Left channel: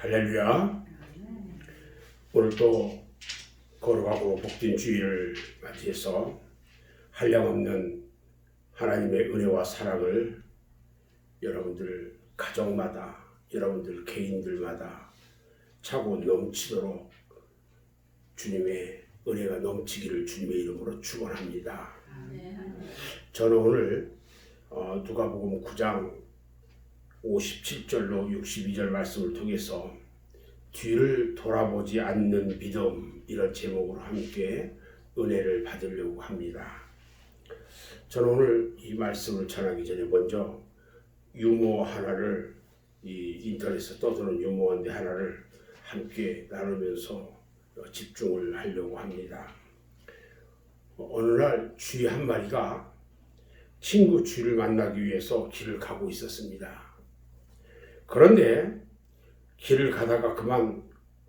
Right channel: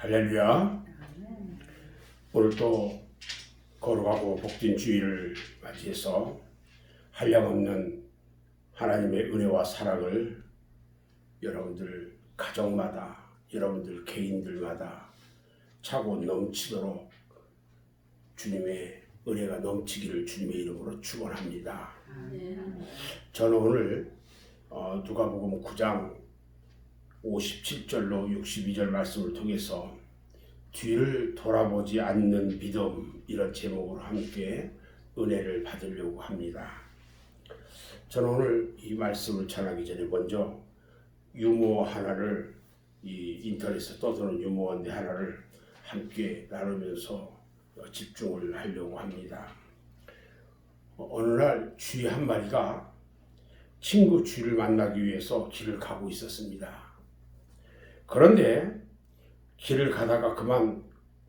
할렐루야. 오늘 또 거룩하고 복된 주일을 맞이해서 한량없는 하나님의 은혜와 사랑을 여러분들 가정마다, 여러분들 개인들마다 차고 넘치도록 주님의 은혜가 넘치기를 주님의 이름으로 축원합니다. 저는 오늘 누가복음 9장 57절로 62절 말씀을 통해서 뒤를 돌아보지 않는 믿음, 이런 제목으로 함께 은혜를 받으려고 합니다. 저는 오늘 이 말씀을 전하기 전에 먼저 유머 하나를, 이 인터넷에 떠도는 유머인데 하나를 함께 나누면서 집중을 하려고 합니다. 어느 날 쥐 한 마리가 친구 쥐를 만나기 위해서 길을 가고 있었습니다. 그런데 길을 가다가 그만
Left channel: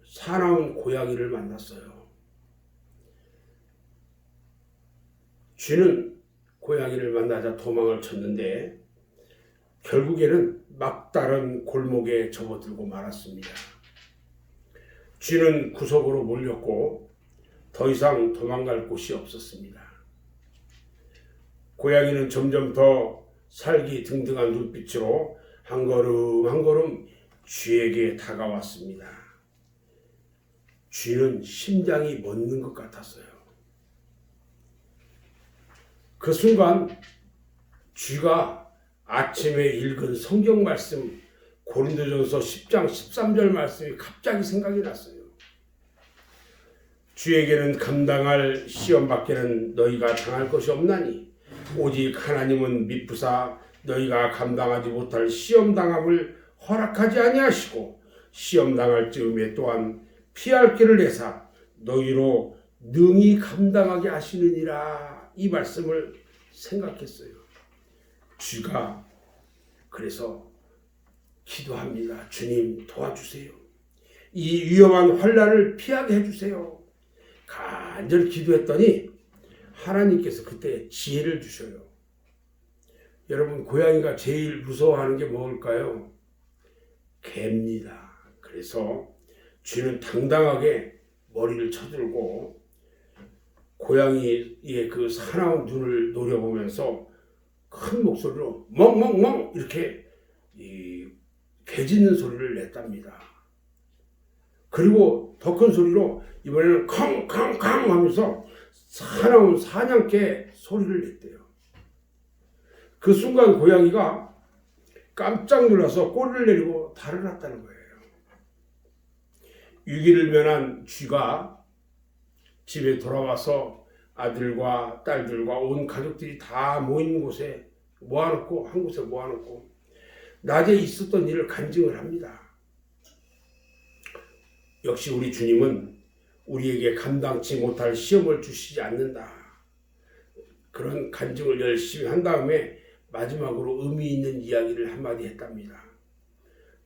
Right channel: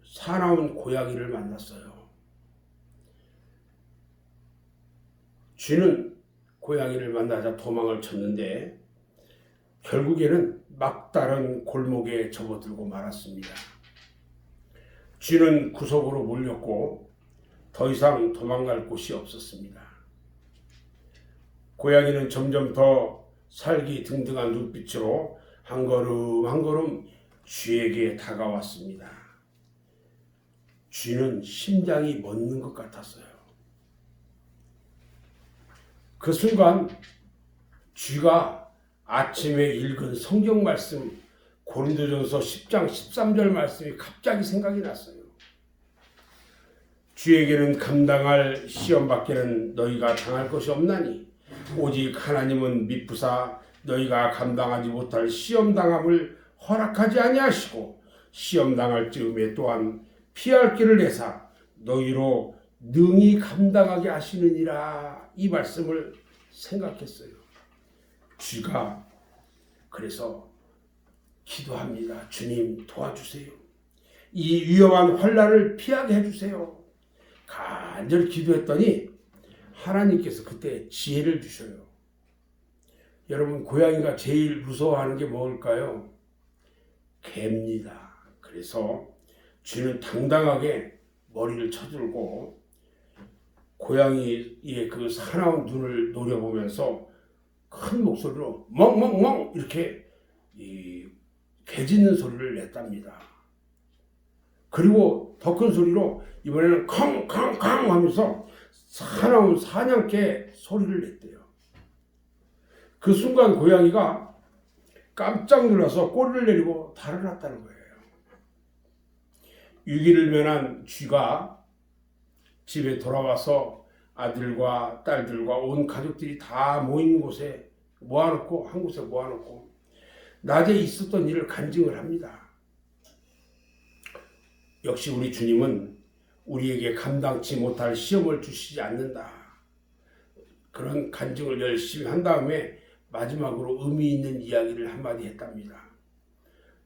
사나운 고양이를 만났어요. 쥐는 고양이를 만나자 도망을 쳤는데 결국에는 막다른 골목에 접어들고 말았습니다. 쥐는 구석으로 몰렸고 더 이상 도망갈 곳이 없었습니다. 고양이는 점점 더 살기등등한 눈빛으로 한 걸음 한 걸음 쥐에게 다가왔습니다. 쥐는 심장이 멎는 것 같았어요. 그 순간 쥐가 아침에 읽은 성경 말씀, 고린도전서 10장 13절 말씀이 갑자기 생각이 났어요. 쥐에게는 감당할 시험밖에는 너희가 당할 것이 없나니 오직 하나님은 미쁘사 너희가 감당하지 못할 시험당함을 허락하지 아니하시고 시험당할 즈음에 또한 피할 길을 내사 너희로 능히 감당하게 하시느니라. 이 말씀을 생각했어요. 쥐가 그래서 기도합니다. 주님 도와주세요. 이 위험한 환난을 피하게 해주세요. 간절히 기도했더니 하나님께서 그때 지혜를 주셔요. 여러분, 고양이가 제일 무서워하는 게 뭘까요? 개입니다. 그래서 쥐는 당당하게 머리를 쳐들고 고양이의 그 사나운 눈을 노려보면서 큰 목소리로 멍멍멍 이렇게 개 짖는 소리를 냈답니다. 그리고 더 큰 소리로 이번에는 컹컹컹 하면서 사나운 사냥개 소리를 냈대요. 그 순간 고양이가 깜짝 놀라서 꼬리를 내리고 달아났다는 거예요. 위기를 면한 쥐가 집에 돌아와서 아들과 딸들과 온 가족들이 다 모인 곳에 모아놓고, 한 곳에 모아놓고 낮에 있었던 일을 간증을 합니다. 역시 우리 주님은 우리에게 감당치 못할 시험을 주시지 않는다. 그런 간증을 열심히 한 다음에 마지막으로 의미 있는 이야기를 한마디 했답니다.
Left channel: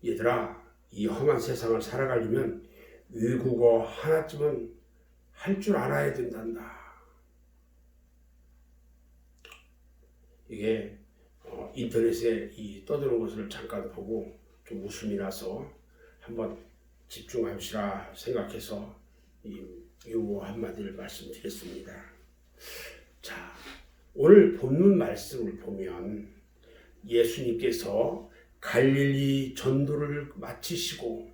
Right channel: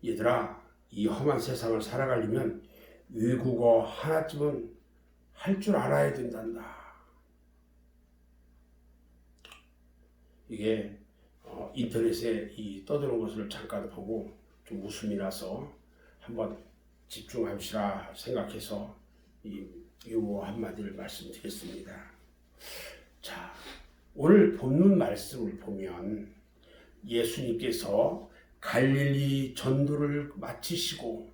얘들아, 이 험한 세상을 살아가려면 외국어 하나쯤은 할 줄 알아야 된단다. 이게 인터넷에 떠드는 것을 잠깐 보고 좀 웃음이 나서 한번 집중합시다 생각해서 이 유머 한마디를 말씀드렸습니다. 자, 오늘 본문 말씀을 보면 예수님께서 갈릴리 전도를 마치시고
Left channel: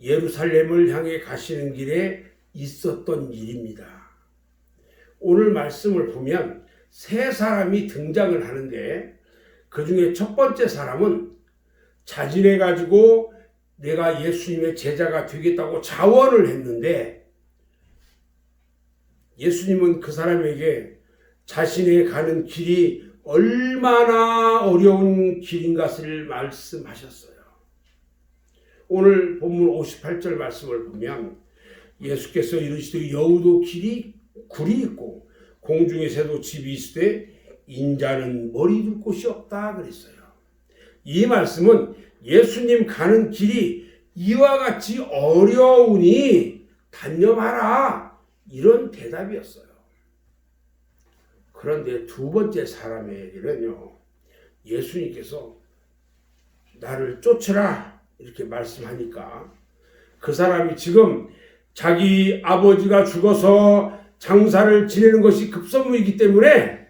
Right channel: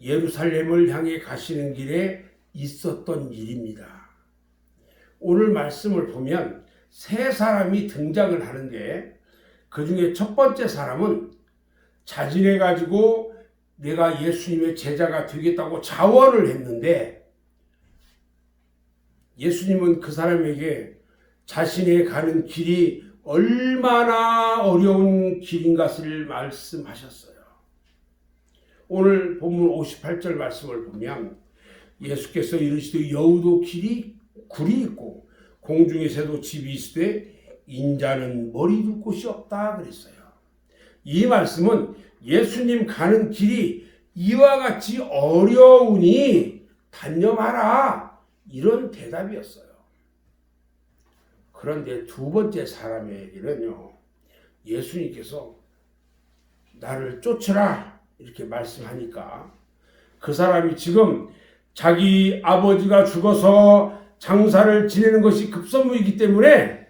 예루살렘을 향해 가시는 길에 있었던 일입니다. 오늘 말씀을 보면 세 사람이 등장을 하는데 그 중에 첫 번째 사람은 자진해 가지고 내가 예수님의 제자가 되겠다고 자원을 했는데 예수님은 그 사람에게 자신의 가는 길이 얼마나 어려운 길인 것을 말씀하셨어요. 오늘 본문 58절 말씀을 보면 예수께서 이르시되 여우도 굴이 있고 공중의 새도 집이 있으되 인자는 머리 둘 곳이 없다 그랬어요. 이 말씀은 예수님 가는 길이 이와 같이 어려우니 단념하라, 이런 대답이었어요. 그런데 두 번째 사람에게는요, 예수님께서 나를 쫓으라 이렇게 말씀하니까 그 사람이 지금 자기 아버지가 죽어서 장사를 지내는 것이 급선무이기 때문에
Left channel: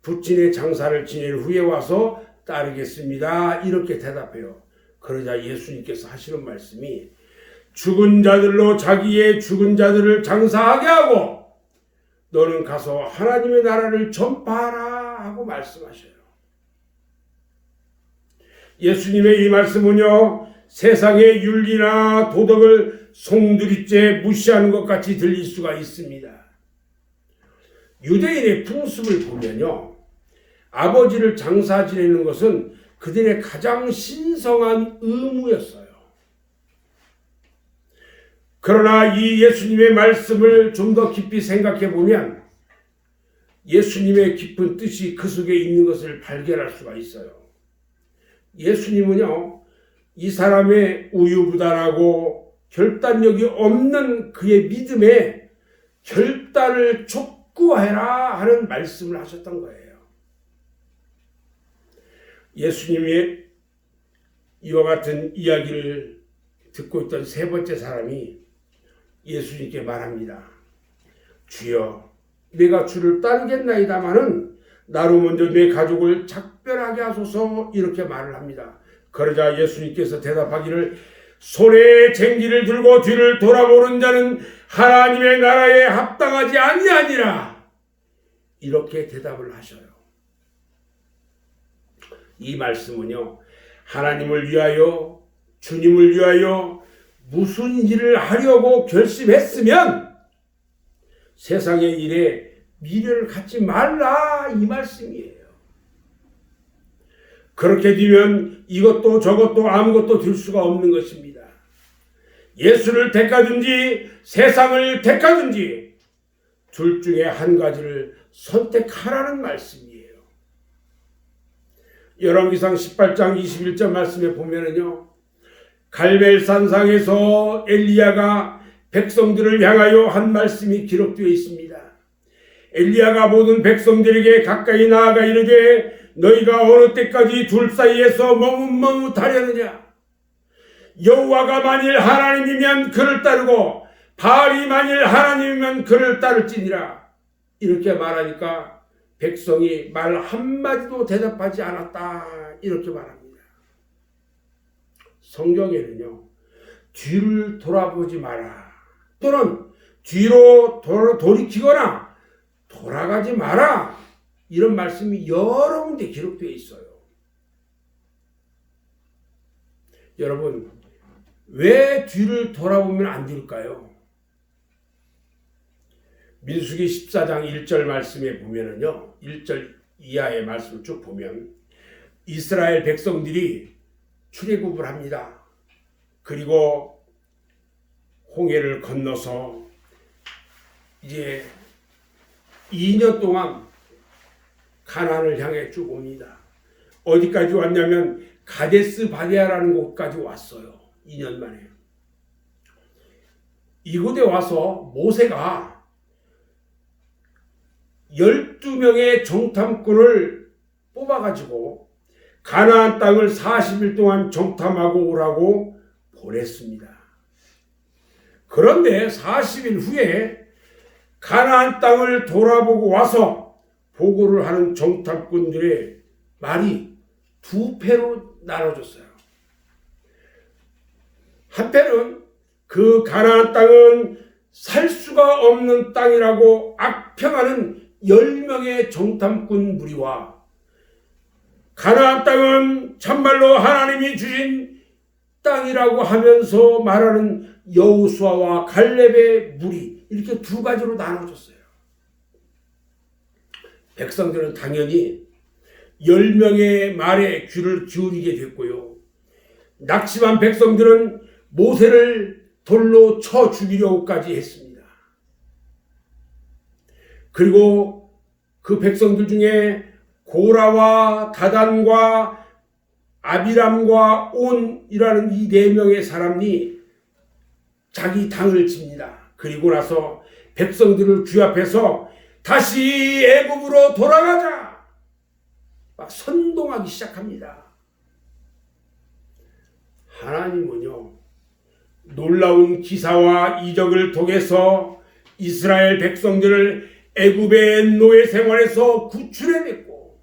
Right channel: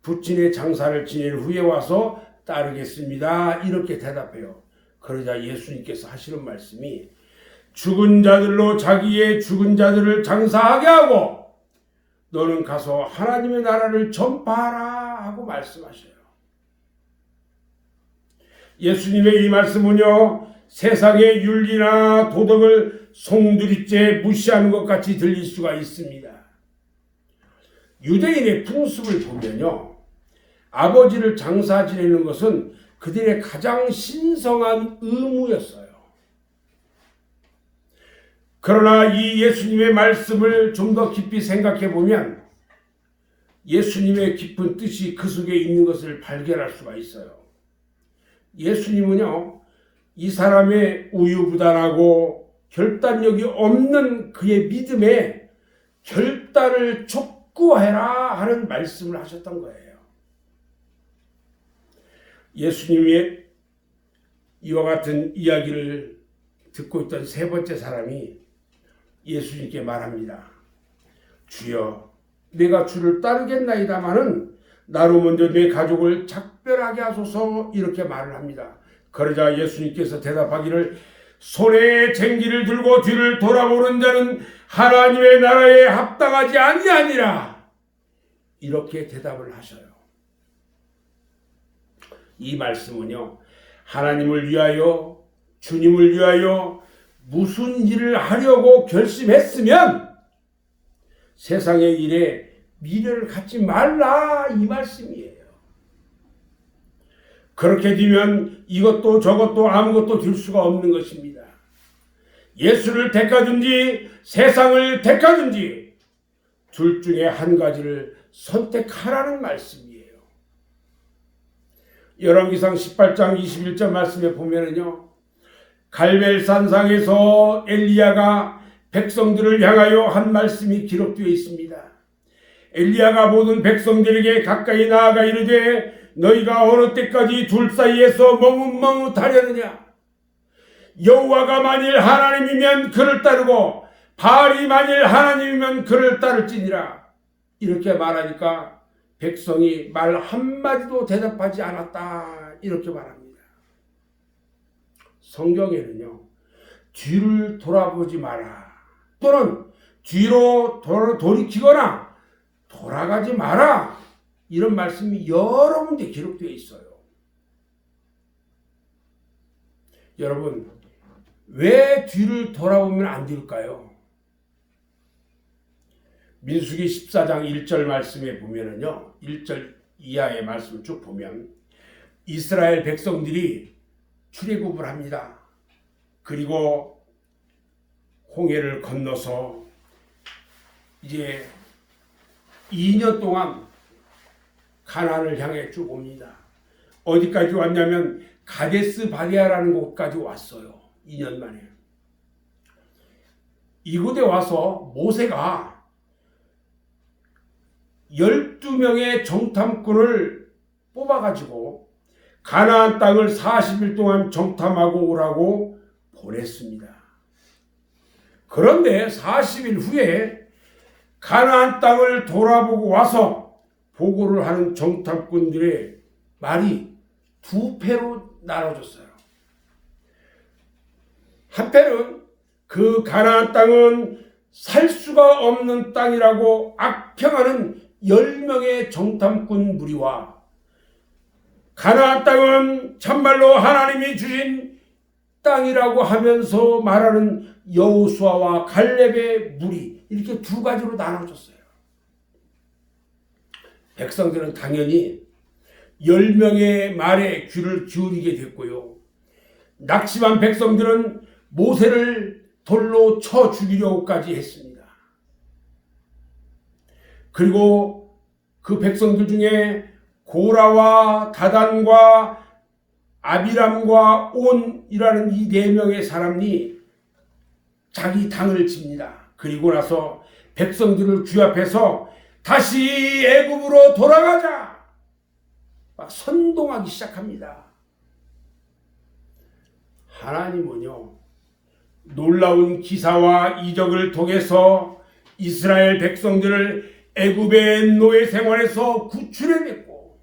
부친의 장사를 지낸 후에 와서 따르겠습니다. 이렇게 대답해요. 그러자 예수님께서 하시는 말씀이 죽은 자들로 자기의 죽은 자들을 장사하게 하고 너는 가서 하나님의 나라를 전파하라 하고 말씀하셔요. 예수님의 이 말씀은요, 세상의 윤리나 도덕을 송두리째 무시하는 것 같이 들릴 수가 있습니다. 유대인의 풍습을 보면요, 아버지를 장사 지내는 것은 그들의 가장 신성한 의무였어요. 그러나 이 예수님의 말씀을 좀 더 깊이 생각해 보면 예수님의 깊은 뜻이 그 속에 있는 것을 발견할 수가 있어요. 예수님은요, 이 사람의 우유부단하고 결단력이 없는 그의 믿음에 결단을 촉구해라 하는 말씀을 하셨던 거예요. 예수님의 이와 같은 이야기를 듣고 있던 세 번째 사람이 예수님께 말합니다. 주여, 내가 주를 따르겠나이다마는 나로 먼저 내 가족을 작별하게 하소서, 이렇게 말을 합니다. 그러자 예수님께서 대답하기를 손에 쟁기를 들고 뒤를 돌아보는 자는 하나님의 나라에 합당하지 아니하니라, 이렇게 대답을 하셔요. 이 말씀은요, 하나님을 위하여, 주님을 위하여 무슨 일을 하려고 결심했으면 세상의 일에 미련을 갖지 말라, 이 말씀이에요. 그렇게 되면 이것도 저것도 아무것도 될 수가 없는 것입니다. 예수를 택하든지 세상을 택하든지 둘 중에 한 가지를 선택하라는 말씀이에요. 열왕기상 18장 21절 말씀에 보면은요, 갈멜산상에서 엘리야가 백성들을 향하여 한 말씀이 기록되어 있습니다. 엘리야가 모든 백성들에게 가까이 나아가 이르되 너희가 어느 때까지 둘 사이에서 머뭇머뭇하려느냐? 여호와가 만일 하나님이면 그를 따르고 바알이 만일 하나님이면 그를 따를지니라. 이렇게 말하니까 백성이 말 한마디도 대답하지 않았다, 이렇게 말합니다. 성경에는요, 뒤를 돌아보지 마라, 또는 뒤로 돌이키거나 돌아가지 마라, 이런 말씀이 여러 군데 기록되어 있어요. 여러분, 왜 뒤를 돌아보면 안 될까요? 민수기 14장 1절 말씀에 보면은요, 1절 이하의 말씀을 쭉 보면 이스라엘 백성들이 출애굽을 합니다. 그리고 홍해를 건너서 이제 2년 동안 가나안을 향해 쭉 옵니다. 어디까지 왔냐면 가데스 바네아라는 곳까지 왔어요. 2년 만에. 이곳에 와서 모세가 12명의 정탐꾼을 뽑아가지고 가나안 땅을 40일 동안 정탐하고 오라고 보냈습니다. 그런데 40일 후에 가나안 땅을 돌아보고 와서 보고를 하는 정탐꾼들의 말이 두 패로 나눠졌어요. 한 패는 그 가나안 땅은 살 수가 없는 땅이라고 악평하는 10명의 정탐꾼 무리와 가나안 땅은 참말로 하나님이 주신 땅이라고 하면서 말하는 여호수아와 갈렙의 무리, 이렇게 두 가지로 나눠졌어요. 백성들은 당연히 10명의 말에 귀를 기울이게 됐고요. 낙심한 백성들은 모세를 돌로 쳐 죽이려고까지 했습니다. 그리고 그 백성들 중에 고라와 다단과 아비람과 온이라는 이 4명의 사람이 자기 당을 칩니다. 그리고 나서 백성들을 규합해서 다시 애굽으로 돌아가자, 막 선동하기 시작합니다. 하나님은요, 놀라운 기사와 이적을 통해서 이스라엘 백성들을 애굽의 노예 생활에서 구출해냈고,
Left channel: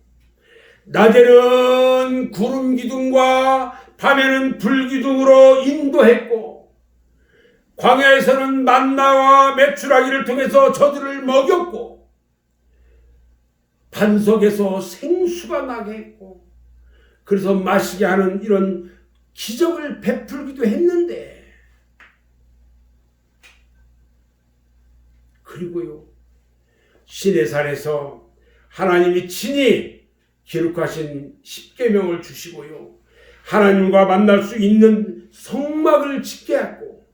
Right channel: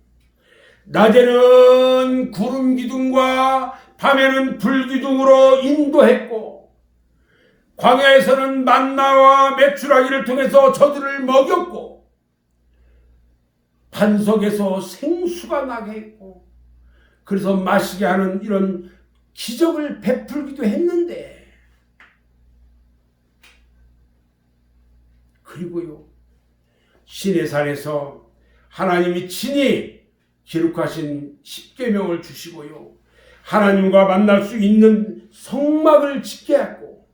낮에는 구름 기둥과 밤에는 불 기둥으로 인도했고, 광야에서는 만나와 메추라기를 통해서 저들을 먹였고, 반석에서 생수가 나게 했고, 그래서 마시게 하는 이런 기적을 베풀기도 했는데, 그리고요, 시내산에서 하나님이 친히 기록하신 십계명을 주시고요, 하나님과 만날 수 있는 성막을 짓게 했고,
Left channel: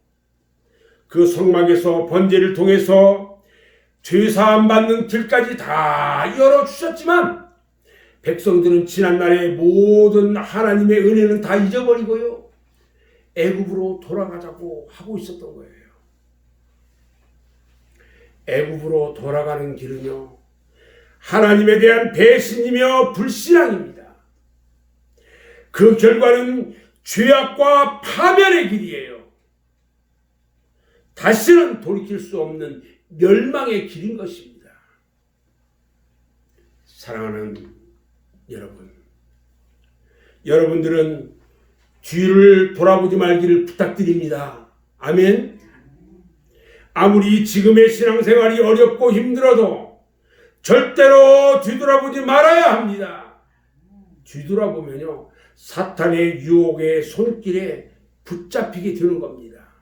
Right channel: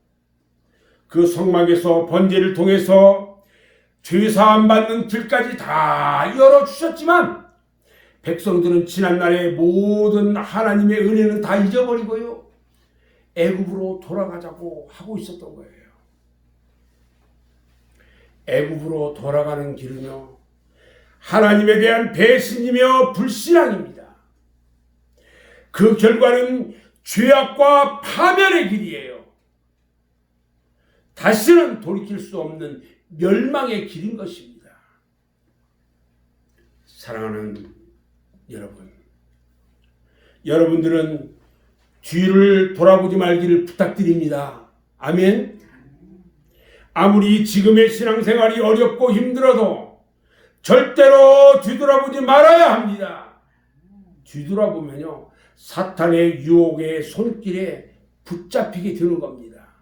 그 성막에서 번제를 통해서 죄사함 받는 길까지 다 열어주셨지만, 백성들은 지난날의 모든 하나님의 은혜는 다 잊어버리고요, 애굽으로 돌아가자고 하고 있었던 거예요. 애굽으로 돌아가는 길은요, 하나님에 대한 배신이며 불신앙입니다. 그 결과는 죄악과 파멸의 길이에요. 다시는 돌이킬 수 없는 멸망의 길인 것입니다. 사랑하는 여러분, 여러분들은 뒤를 돌아보지 말기를 부탁드립니다. 아멘. 아무리 지금의 신앙생활이 어렵고 힘들어도 절대로 뒤돌아보지 말아야 합니다. 뒤돌아보면요, 사탄의 유혹의 손길에 붙잡히게 되는 겁니다.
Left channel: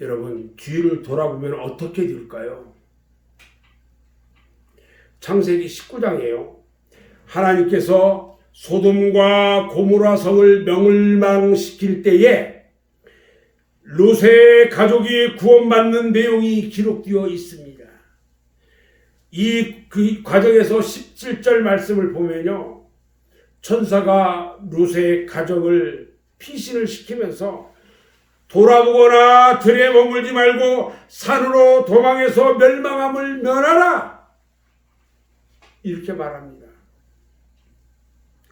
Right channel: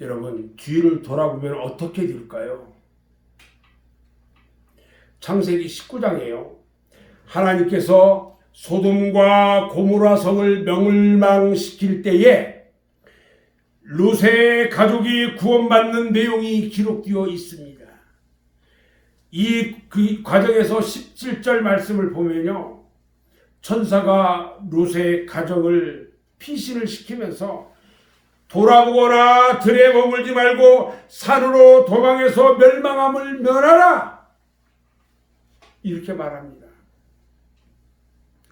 여러분, 뒤를 돌아보면 어떻게 될까요? 창세기 19장이에요. 하나님께서 소돔과 고모라 성을 멸망시킬 때에 롯의 가족이 구원받는 내용이 기록되어 있습니다. 그 과정에서 17절 말씀을 보면요, 천사가 롯의 가족을 피신을 시키면서 돌아보거나 들에 머물지 말고 산으로 도망해서 멸망함을 면하라, 이렇게 말합니다.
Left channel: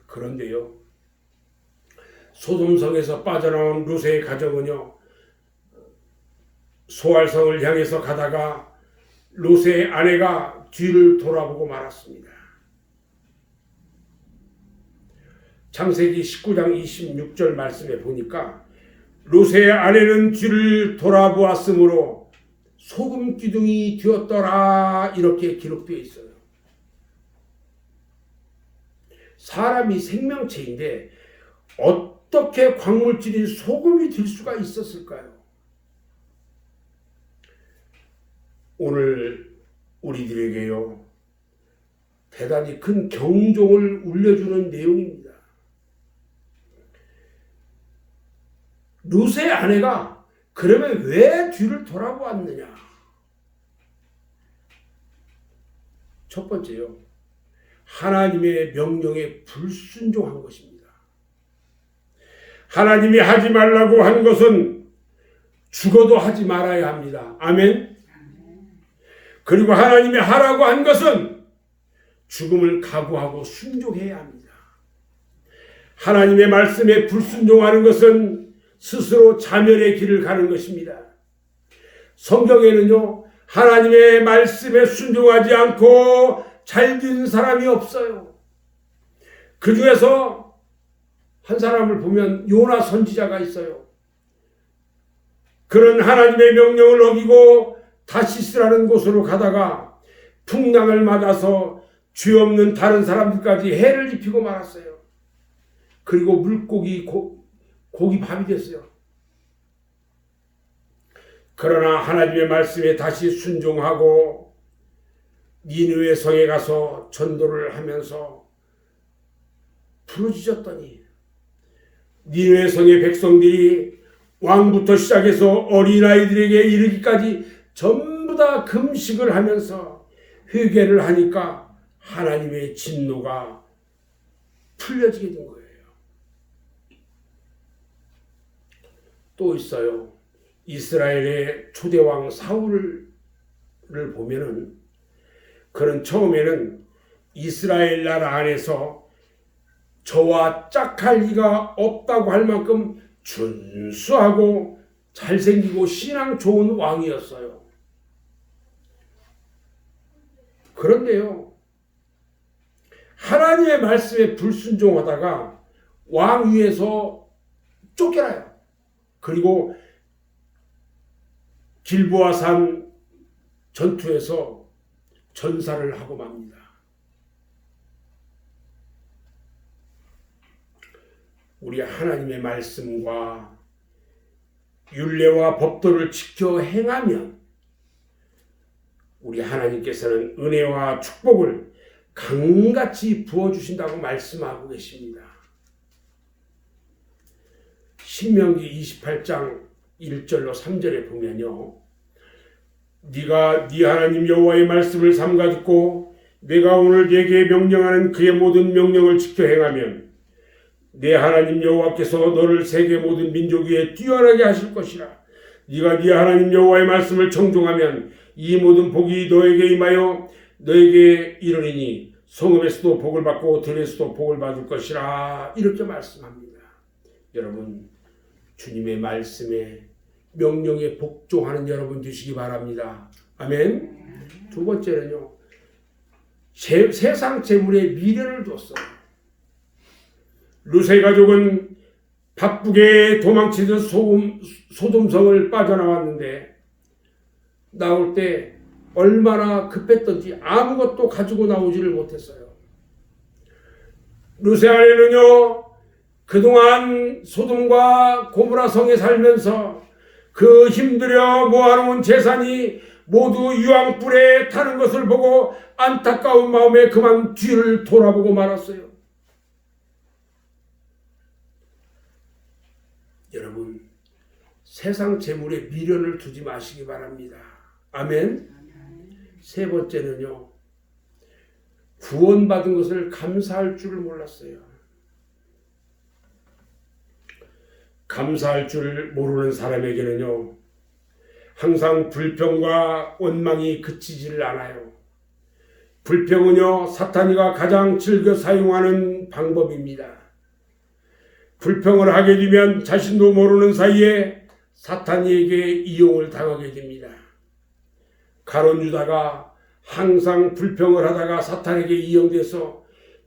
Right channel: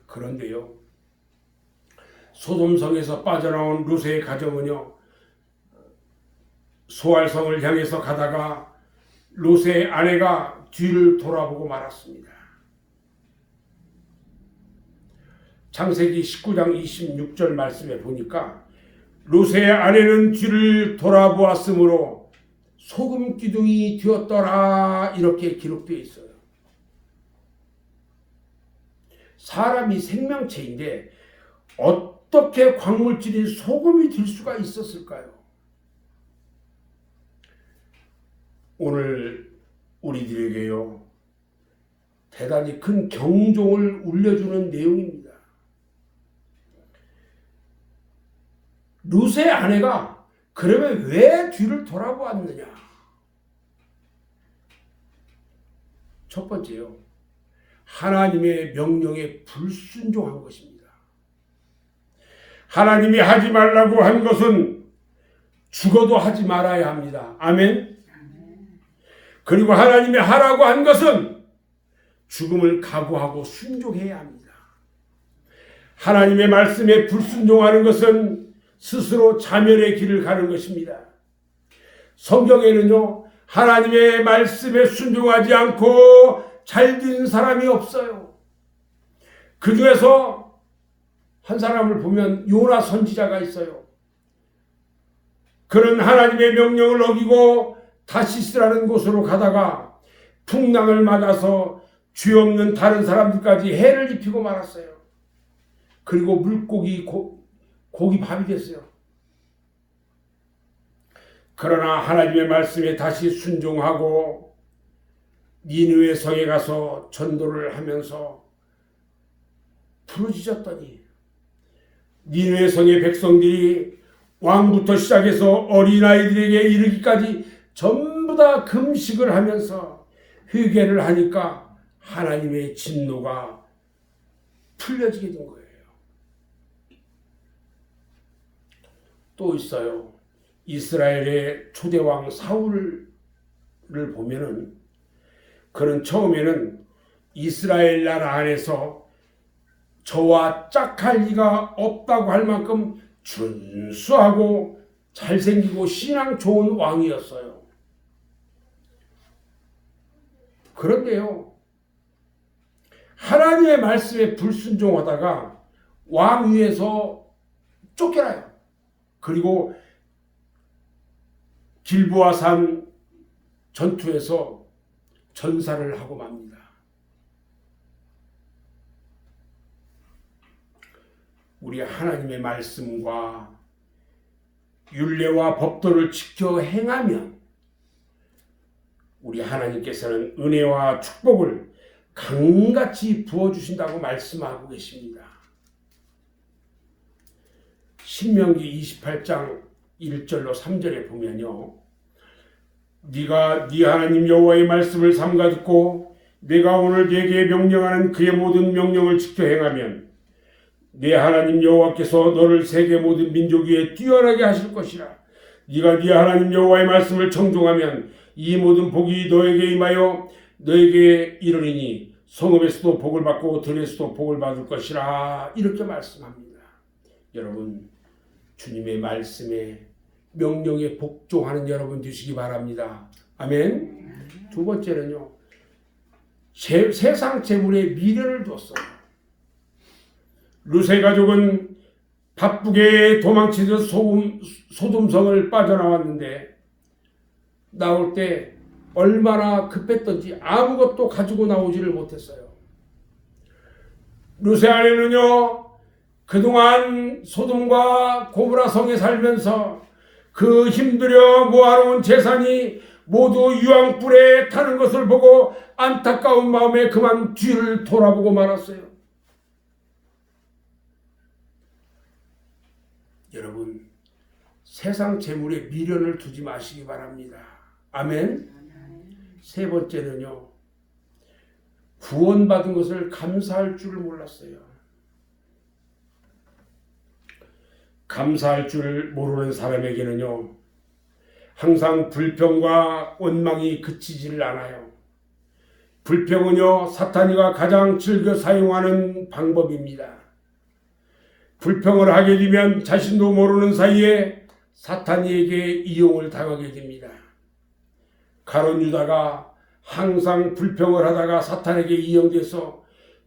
그런데요, 소돔성에서 빠져나온 롯의 가정은요, 소알성을 향해서 가다가 롯의 아내가 뒤를 돌아보고 말았습니다. 창세기 19장 26절 말씀에 보니까 롯의 아내는 뒤를 돌아보았으므로 소금 기둥이 되었더라, 이렇게 기록되어 있어요. 사람이 생명체인데 어떻게 광물질인 소금이 될 수가 있었을까요? 오늘 우리들에게요, 대단히 큰 경종을 울려주는 내용입니다. 롯의 아내가 그러면 왜 뒤를 돌아보았느냐? 첫 번째요, 하나님의 명령에 불순종한 것입니다. 하나님이 하지 말라고 한 것은 죽어도 하지 말아야 합니다. 아멘. 그리고 하나님이 하라고 한 것은 죽음을 각오하고 순종해야 합니다. 하나님의 말씀에 불순종하는 것은 스스로 자멸의 길을 가는 것입니다. 성경에는요, 하나님의 말씀에 순종하지 않고 잘 되는 사람이 없어요. 그 중에서 한 사람을 보면 요나 선지자가 있어요. 그는 하나님의 명령을 어기고 다시스라는 곳으로 가다가 풍랑을 맞아서 죄 없는 다른 사람들까지 해를 입히고 말았어요. 그리고 물고기 고기 밥이 됐어요. 그러나 하나님의 말씀에 다시 순종하고 니느웨 성에 가서 전도를 하면서 부르짖었더니 니느웨 성의 백성들이 왕부터 시작해서 어린아이들에게 이르기까지 전부 다 금식을 하면서 회개를 하니까 하나님의 진노가 풀려지게 된 거예요. 또 있어요. 이스라엘의 초대왕 사울을 보면은 그는 처음에는 이스라엘 나라 안에서 저와 짝할 리가 없다고 할 만큼 준수하고 잘생기고 신앙 좋은 왕이었어요. 그런데요, 하나님의 말씀에 불순종하다가 왕 위에서 쫓겨나요. 그리고 길보아 산 전투에서 전사를 하고 맙니다. 우리 하나님의 말씀과 율례와 법도를 지켜 행하면 우리 하나님께서는 은혜와 축복을 강같이 부어주신다고 말씀하고 계십니다. 신명기 28장 1절로 3절에 보면요, 네가 네 하나님 여호와의 말씀을 삼가 듣고 내가 오늘 네게 명령하는 그의 모든 명령을 지켜 행하면 내 하나님 여호와께서 너를 세계 모든 민족 위에 뛰어나게 하실 것이라. 네가 네 하나님 여호와의 말씀을 청종하면 이 모든 복이 너에게 임하여 너에게 이르리니 성읍에서도 복을 받고 들에서도 복을 받을 것이라. 이렇게 말씀합니다. 여러분, 주님의 말씀에 명령에 복종하는 여러분 되시기 바랍니다. 아멘. 두 번째는요, 세상 재물에 미련을 뒀어요. 룻의 가족은 바쁘게 도망치듯 소돔성을 빠져나왔는데 나올 때 얼마나 급했던지 아무것도 가지고 나오지를 못했어요. 룻의 아내는요, 그동안 소돔과 고모라 성에 살면서 그 힘들여 모아놓은 재산이 모두 유황불에 타는 것을 보고 안타까운 마음에 그만 뒤를 돌아보고 말았어요. 여러분, 세상 재물에 미련을 두지 마시기 바랍니다. 아멘. 세 번째는요, 구원받은 것을 감사할 줄을 몰랐어요. 감사할 줄 모르는 사람에게는요, 항상 불평과 원망이 그치지를 않아요. 불평은요, 사탄이가 가장 즐겨 사용하는 방법입니다. 불평을 하게 되면 자신도 모르는 사이에 사탄이에게 이용을 당하게 됩니다. 가룟 유다가 항상 불평을 하다가 사탄에게 이용돼서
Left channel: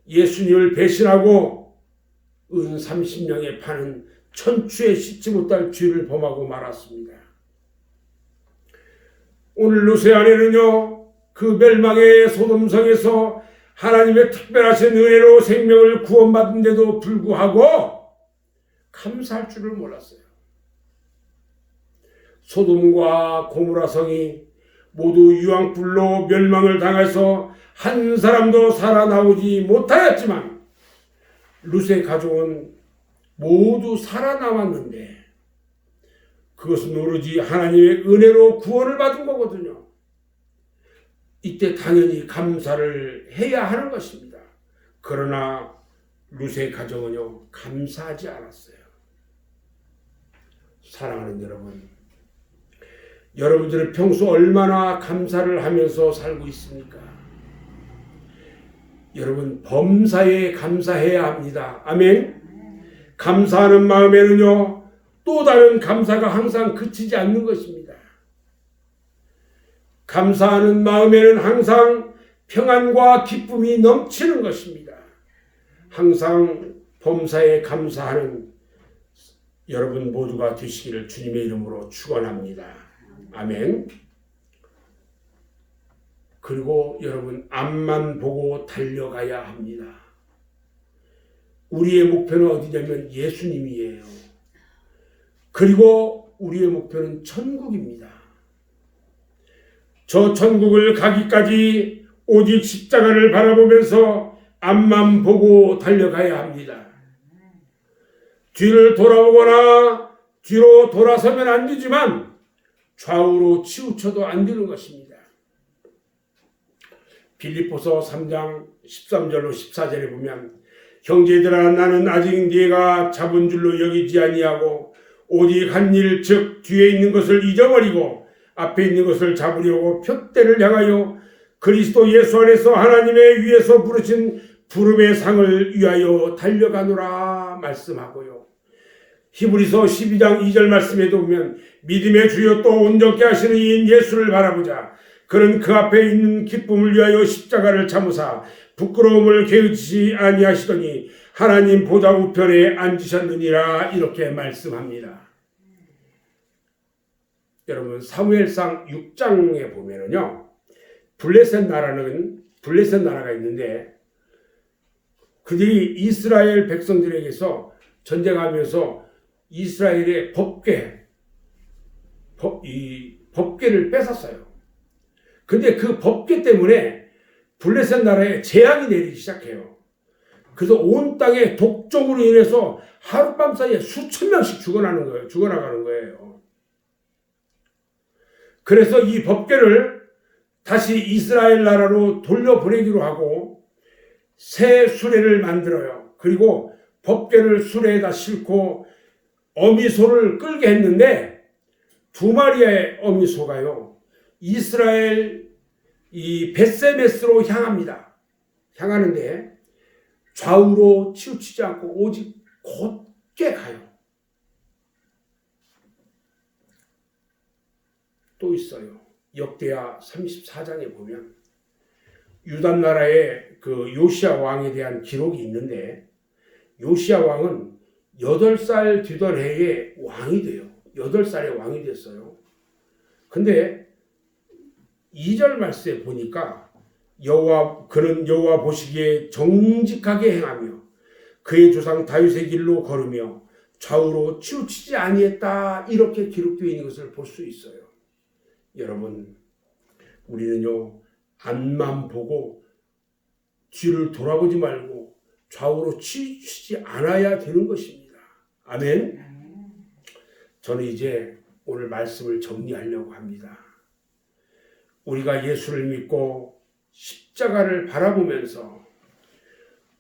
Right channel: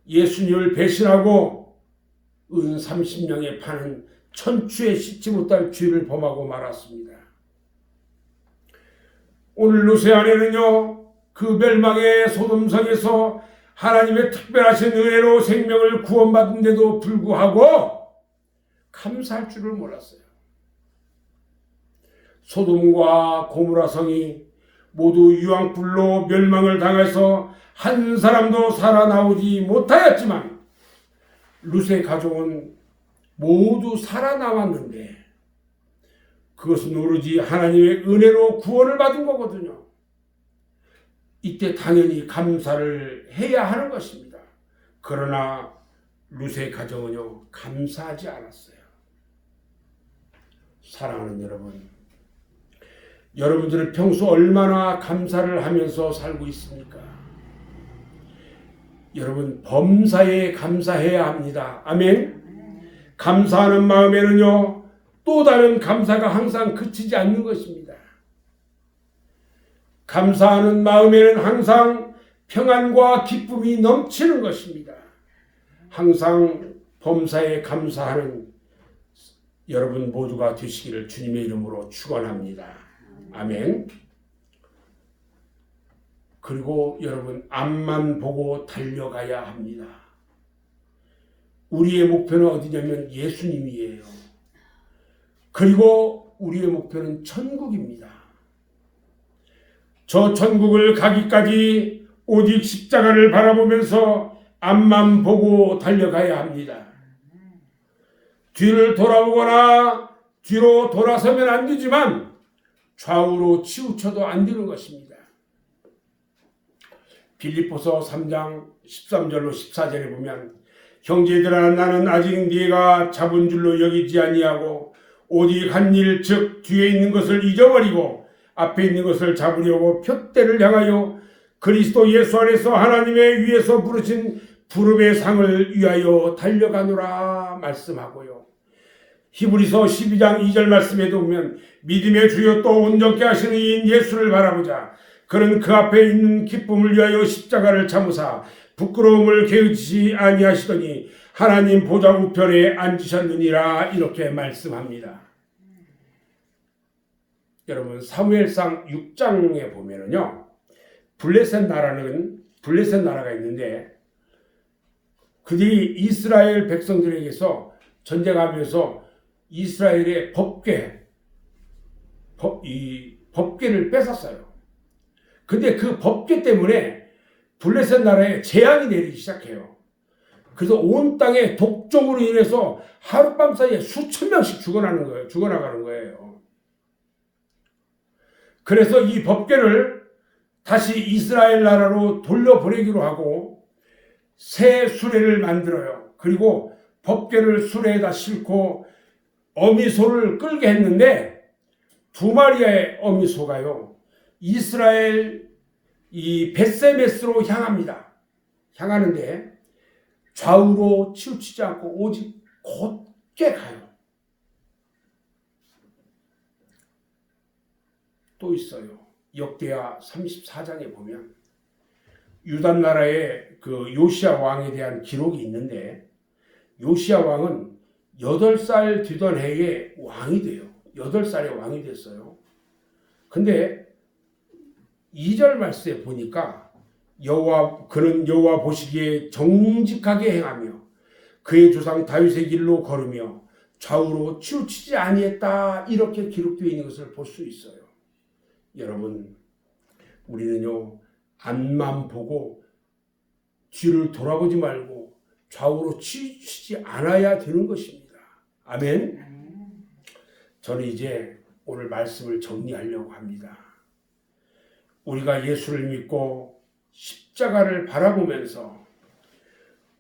예수님을 배신하고 은 30냥에 파는 천추에 씻지 못할 죄를 범하고 말았습니다. 오늘 룻의 아내는요, 그 멸망의 소돔성에서 하나님의 특별하신 은혜로 생명을 구원받은데도 불구하고 감사할 줄을 몰랐어요. 소돔과 고모라 성이 모두 유황불로 멸망을 당해서 한 사람도 살아나오지 못하였지만 룻의 가족은 모두 살아남았는데 그것은 오로지 하나님의 은혜로 구원을 받은 거거든요. 이때 당연히 감사를 해야 하는 것입니다. 그러나 룻의 가정은요, 감사하지 않았어요. 사랑하는 여러분, 여러분들은 평소 얼마나 감사를 하면서 살고 있습니까? 여러분, 범사에 감사해야 합니다. 아멘. 감사하는 마음에는요, 또 다른 감사가 항상 그치지 않는 것입니다. 감사하는 마음에는 항상 평안과 기쁨이 넘치는 것입니다. 항상 범사에 감사하는 여러분 모두가 되시기를 주님의 이름으로 축원합니다. 아멘. 그리고 여러분, 앞만 보고 달려가야 합니다. 우리의 목표는 어디냐면 예수님이에요. 그리고 우리의 목표는 천국입니다. 저 천국을 가기까지 오직 십자가를 바라보면서 앞만 보고 달려가야 합니다. 뒤를 돌아보거나 뒤로 돌아서면 안 되지만 좌우로 치우쳐도 안 되는 것입니다. 빌립보서 3장 13절로 14절에 보면 형제들아, 나는 아직 네가 잡은 줄로 여기지 아니하고 오직 한 일, 즉 뒤에 있는 것을 잊어버리고 앞에 있는 것을 잡으려고 표대를 향하여 그리스도 예수 안에서 하나님의 위에서 부르신 부름의 상을 위하여 달려가노라 말씀하고요. 히브리서 12장 2절 말씀에도 보면 믿음의 주여 또 온전케 하시는 이인 예수를 바라보자. 그는 그 앞에 있는 기쁨을 위하여 십자가를 참으사 부끄러움을 게으르지 아니하시더니 하나님 보좌 우편에 앉으셨느니라. 이렇게 말씀합니다. 여러분 사무엘상 6장에 보면은요, 블레셋 나라가 있는데 그들이 이스라엘 백성들에게서 전쟁하면서 이스라엘의 법궤를 뺏었어요. 근데 그 법궤 때문에 블레셋 나라에 재앙이 내리기 시작해요. 그래서 온 땅에 독종으로 인해서 하룻밤 사이에 수천 명씩 죽어나가는 거예요. 그래서 이 법궤를 다시 이스라엘 나라로 돌려보내기로 하고 새 수레를 만들어요. 그리고 법궤를 수레에다 싣고 어미소를 끌게 했는데 두 마리의 어미소가요, 이스라엘 이 벳세메스로 향하는데 좌우로 치우치지 않고 오직 곧게 가요. 또 있어요. 역대하 34장에 보면 유다 나라의 그 요시야 왕에 대한 기록이 있는데, 요시야 왕은 8살 되던 해에 왕이 돼요. 8살에 왕이 됐어요. 근데 2절 말씀에 보니까 그는 여호와 보시기에 정직하게 행하며 그의 조상 다윗의 길로 걸으며 좌우로 치우치지 아니했다. 이렇게 기록되어 있는 것을 볼 수 있어요. 여러분, 우리는요, 앞만 보고 뒤를 돌아보지 말고 좌우로 치우치지 않아야 되는 것입니다. 아멘. 저는 이제 오늘 말씀을 정리하려고 합니다. 우리가 예수를 믿고 십자가를 바라보면서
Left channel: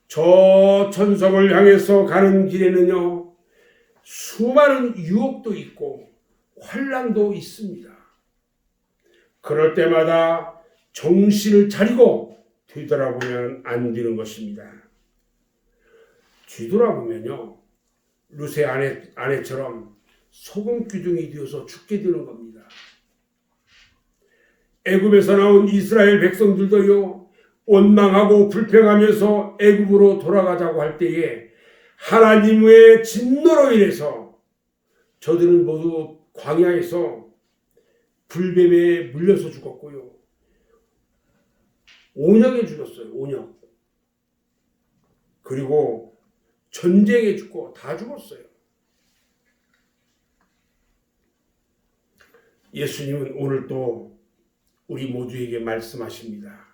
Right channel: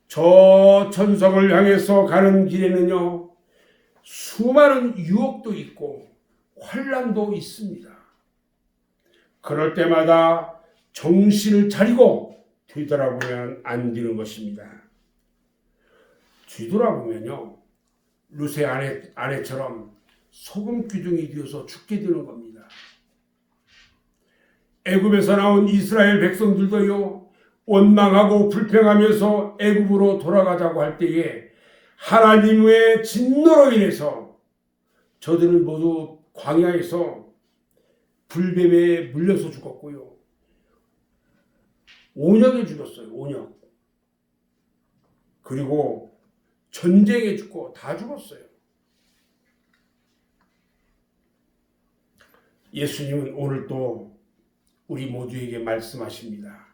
저 천성을 향해서 가는 길에는요, 수많은 유혹도 있고 환난도 있습니다. 그럴 때마다 정신을 차리고 뒤돌아보면 안 되는 것입니다. 뒤돌아보면요, 루세 아내처럼 소금 기둥이 되어서 죽게 되는 겁니다. 애굽에서 나온 이스라엘 백성들도요, 원망하고 불평하면서 애굽으로 돌아가자고 할 때에 하나님의 진노로 인해서 저들은 모두 광야에서 불뱀에 물려서 죽었고요, 온역에 죽었어요. 온역. 그리고 전쟁에 죽고 다 죽었어요. 예수님은 오늘 또 우리 모두에게 말씀하십니다.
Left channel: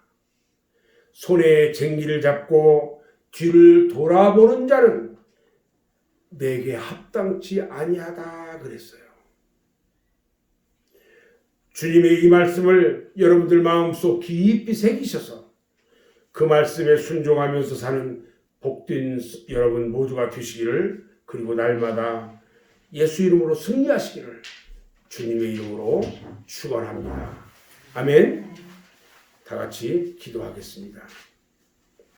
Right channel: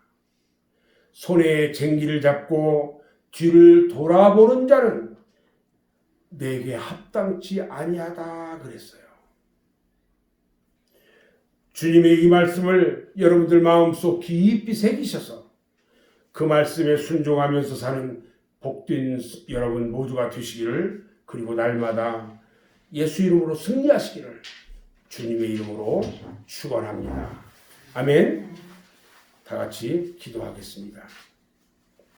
손에 쟁기를 잡고 뒤를 돌아보는 자는 내게 합당치 아니하다 그랬어요. 주님의 이 말씀을 여러분들 마음속 깊이 새기셔서 그 말씀에 순종하면서 사는 복된 여러분 모두가 되시기를, 그리고 날마다 예수 이름으로 승리하시기를 주님의 이름으로 축원합니다. 아멘. 다 같이 기도하겠습니다.